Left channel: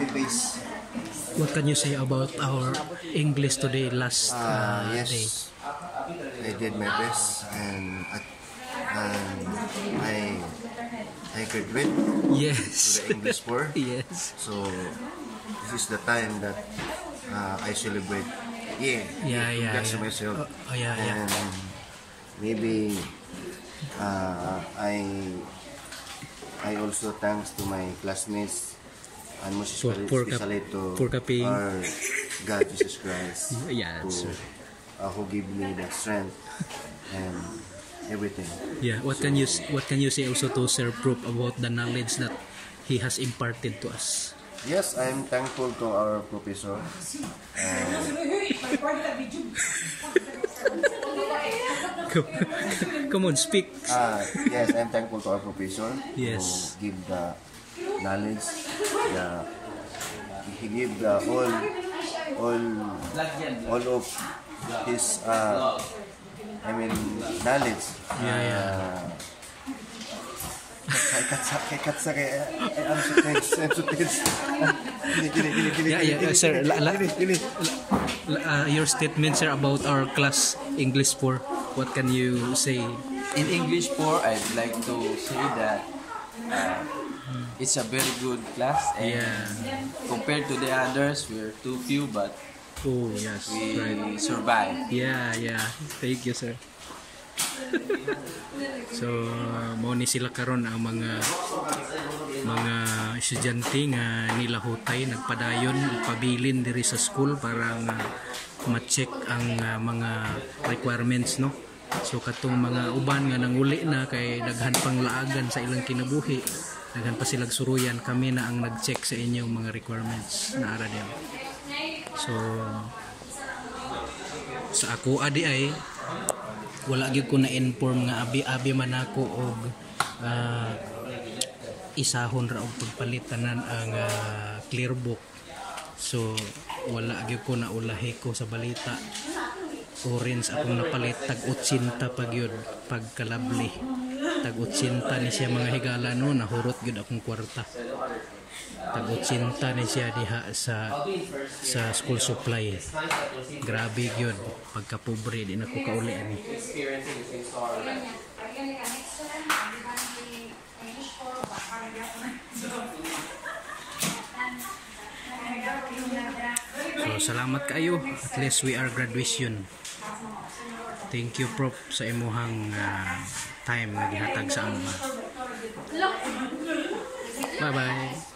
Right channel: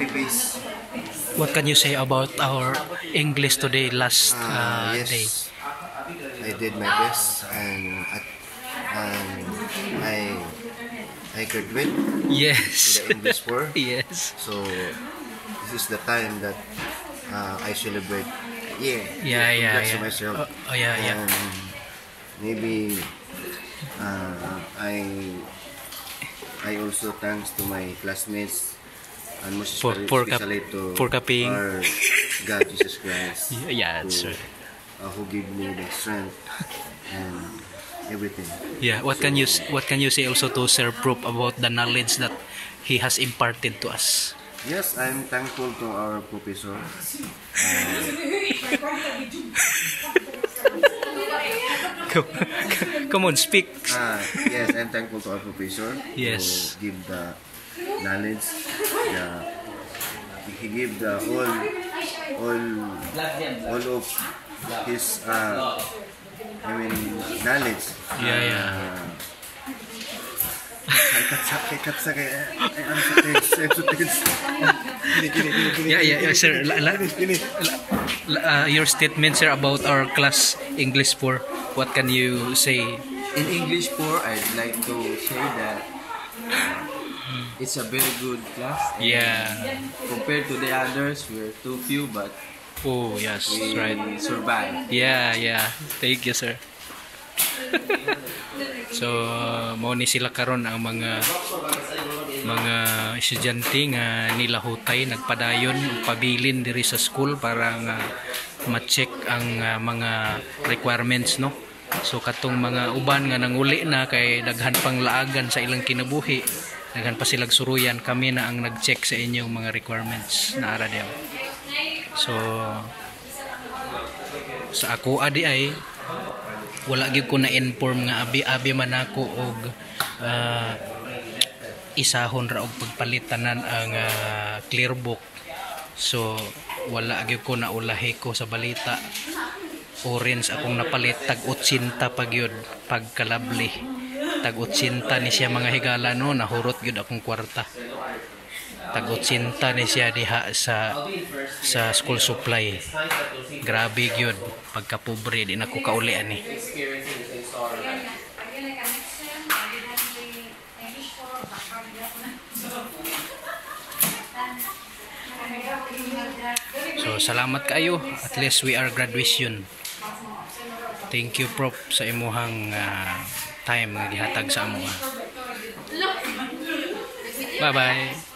copy-paste. What can you say about our English today, last Yes, day? I did my best, and I graduate Yes. to the English 4. Yes. So this is the time that I celebrate. Congrats to myself. Yeah. And maybe I also thanks to my classmates, and most especially to our God Jesus Christ. Yeah, that's right. Who give me the strength and everything. Yeah. What can you say also to Sir Proof about the knowledge that he has imparted to us? Yes, I'm thankful to our professor. Come on, speak. Yes, I'm thankful to our professor. Yes. Who give the knowledge. He give the all of his knowledge. Yeah, sir. Your statement, sir, about our class English 4. What can you say? In English 4, I'd like to say that it's a very good class. And compared to the others, we're too few, but yes, we right. survive. Yeah. Thank you, sir. So, mo ni sila karon ang mga estudyante nga nilahutay nagpadayon pabilin diri sa school para nga ma-check ang mga requirements, no. So katong mga uban nga nanguli na kay daghan pang laagan sa ilang kinabuhi, daghan pa silang suruyan, kami na ang nag-check sa inyong mga requirements na ara diyan. So sa ako adi ay wala gyud ko na inform nga abi man ako og isahon ra og pagpalitanan ang clear book. So wala gyud ko na ulahi ko sa balita. Orange akong napalit, tag 80 pag yun, pagkalabli. Tag 80 ni siya mga higala, no, nahurot gyud akong kwarta. Tag 80 ni siya diha sa school supply. Grabe gyud, pagkapobre di na ko kauli ani. So salamat kayo, at least we are graduation. Thank you, Prof, sa imuhang time nga gihatag sa amo. Bye bye.